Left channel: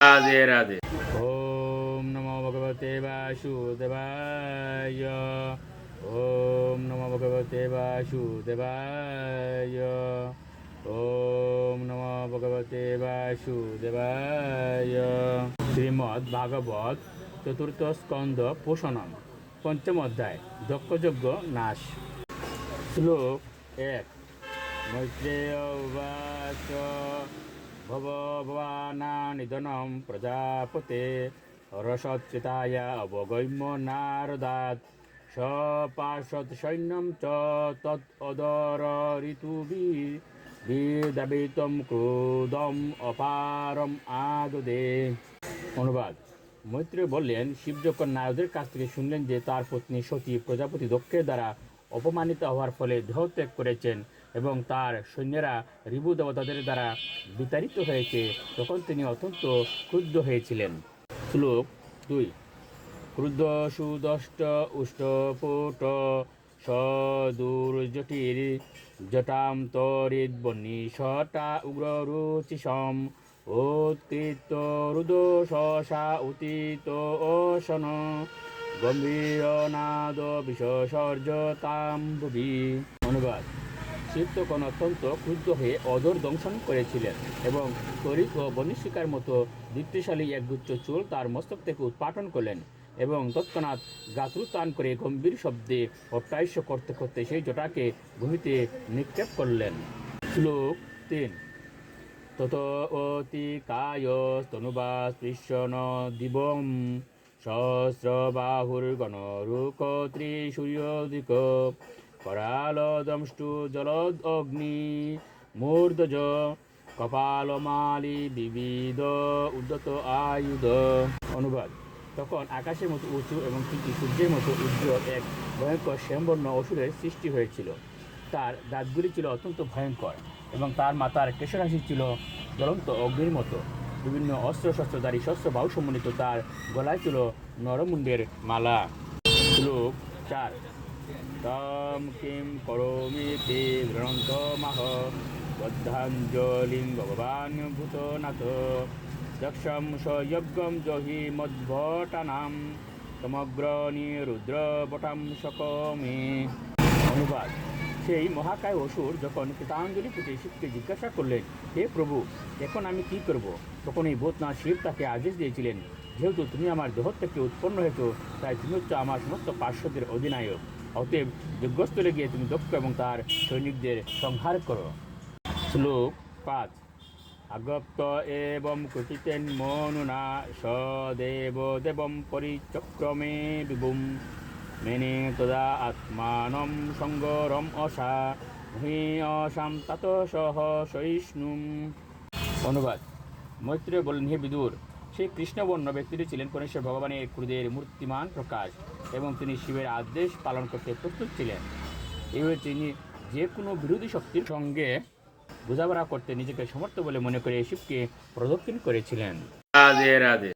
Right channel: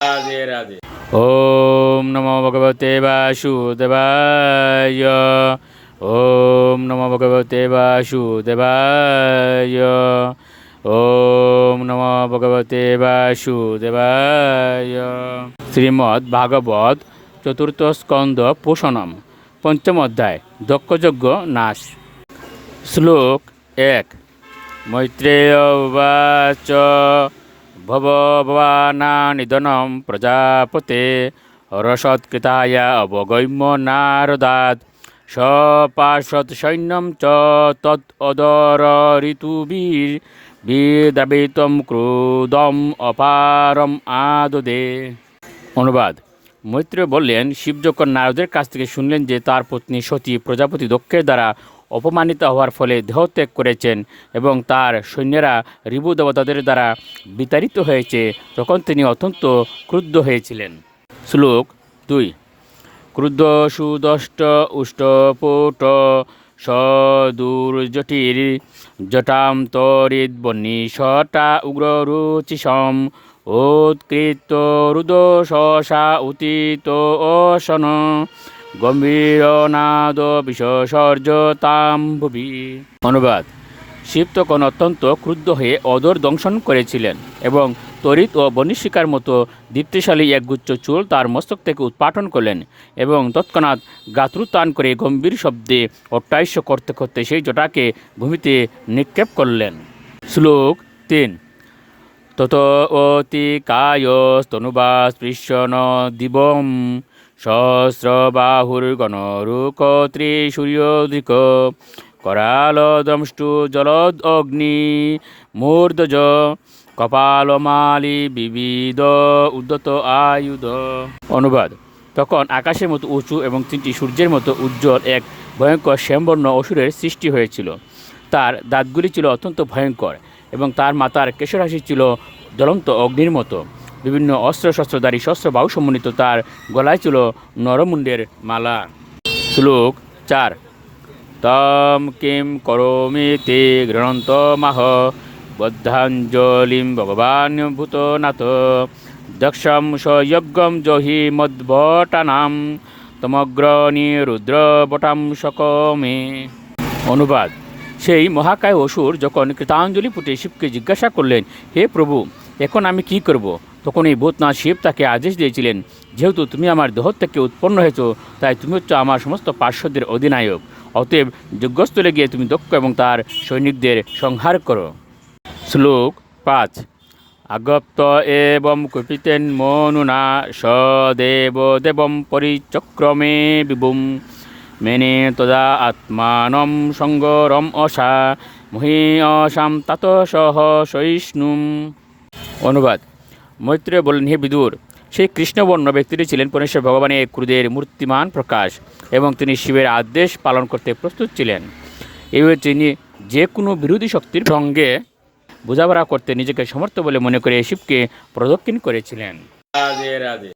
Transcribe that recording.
রাধে রাধে। ওম নমো ভগবতে বাসুদেবায়। ওম নমো ভগবতে বাসুদেবায়। ওম নমো ভগবতে বাসুদেবায়। শ্রীমদ্ ভাগবত চতুর্থ স্কন্ধ পোষণম পঞ্চম অধ্যায় দক্ষযজ্ঞ নাশ। শ্লোক ১। মৈত্রেয় উবাচ ভবানা নিধনম প্রজাপতে রসৎকৃতায় অবগম্য নারদাৎ সপার্শ্বত সৈন্যম চ তৎ অদর ঋতুবিদ্রাবিতম ক্রুদম অপারম আদদে। অনুবাদ। মৈত্রেয় বললেন, শিব যখন নারদের কাছ থেকে শুনলেন যে তার পত্নী সতী প্রজাপতি দক্ষের দ্বারা অপমানিত হওয়ার ফলে দেহত্যাগ করেছেন এবং তার সৈন্যরা ঋভু দেবতাদের দ্বারা বিতাড়িত হয়েছে, তখন তিনি অত্যন্ত ক্রুদ্ধ হয়েছিলেন। শ্লোক ২। ক্রুদ্ধ সুদষ্ট উষ্টপুট সদুর্জটির জটাম তরিদ্বন্নিশটা উগ্ররুচিসম উৎকৃত রুদো শশা উতিত অসন গম্ভীরনাদ বিসর্জতাম ভুবি। অনুবাদ। শিব তখন অত্যন্ত ক্রুদ্ধ হয়ে অদর দংশন করেছিলেন এবং তড়িৎ ও বনিশিকার মতো দীপ্তিশালী একগুচ্ছ চুল তার মস্তক থেকে উৎপাটন করলেন এবং তৎক্ষণাৎ গাত্রুতান করে গম্ভীর শব্দে অট্টাইশ্য করতে করতে সেই জটাকে ভূমিতে নিক্ষেপ করলেন। শ্লোক ৩। তত অতিকায় স্তনুবা স্পৃশ্যন দিবম সহস্রবাহুর্গণরুক ত্রিসূর্যোদিক कराल दंष्टु जलद अग्नि मूर्धज কপালমালি বিবিধ উদ্যত আয়ুধ। অনুবাদ। তখন আকাশের মতো উঁচু এবং তিনটি সূর্যের মতো উজ্জ্বল এক ভয়ঙ্কর শ্যামবর্ণ অসুরের সৃষ্টি হয়েছিল। তার দাঁতগুলি ছিল অত্যন্ত ভয়ঙ্কর এবং তার মাথার কেশরাশি ছিল জ্বলন্ত অগ্নির মতো। বিভিন্ন অস্ত্রশস্ত্রধারী শস্ত্র বাহু সমন্বিত তার গলায় ছিল নরমুণ্ডের মালা। শ্লোক ৪। তম কিম করোমি তে গৃহন্তমাহ বদ্ধাঞ্জলিম ভগবান ভূতনাথ দক্ষম সযজ্ঞম জহি মদ্ভটানাম তমগ্রণী রুদ্রবটাম সকমে। অনুবাদ। সেই মহাকায় অসুর যখন কৃতাঞ্জলি পুটে শিবকে জিজ্ঞাসা করলেন, হে প্রভু, এখন আমি কি করব? তখন এই ভূতনাথ শিব তাকে আদেশ দিয়েছিলেন, যেহেতু তুমি আমার দেহ থেকে উৎপন্ন হয়েছ, তাই তুমি হচ্ছে আমার সমস্ত পার্শ্বদের অধিনায়ক। অতএব যজ্ঞস্থলে গিয়ে তুমি দক্ষ এবং তার সৈনিকদের সংহার করো। শ্লোক ৫। আগপ্ত এবং কুপিতেন মনুনা সদেব দেবম পরিচক্রমে বিভুম মেনে তদা আত্মানম সঙ্গরম অসা মহীয়সাম তাত সহ সহিষ্ণুম। অনুবাদ। মৈত্রেয় বললেন, হে বিদুর, সেই কৃষ্ণবর্ণ ব্যক্তিটি ছিলেন পরমেশ্বর ভগবানের ক্রোধের মূর্তিমান প্রকাশ এবং তিনি শিবের আদেশ পালন করতে প্রস্তুত ছিলেন। এইভাবে তিনি যে কোনো বিরোধী শক্তির সঙ্গে বোঝাপড়া করতে নিজেকে সমর্থ বলে মনে করে শিবকে প্রদক্ষিণ করেছিলেন। রাধে রাধে।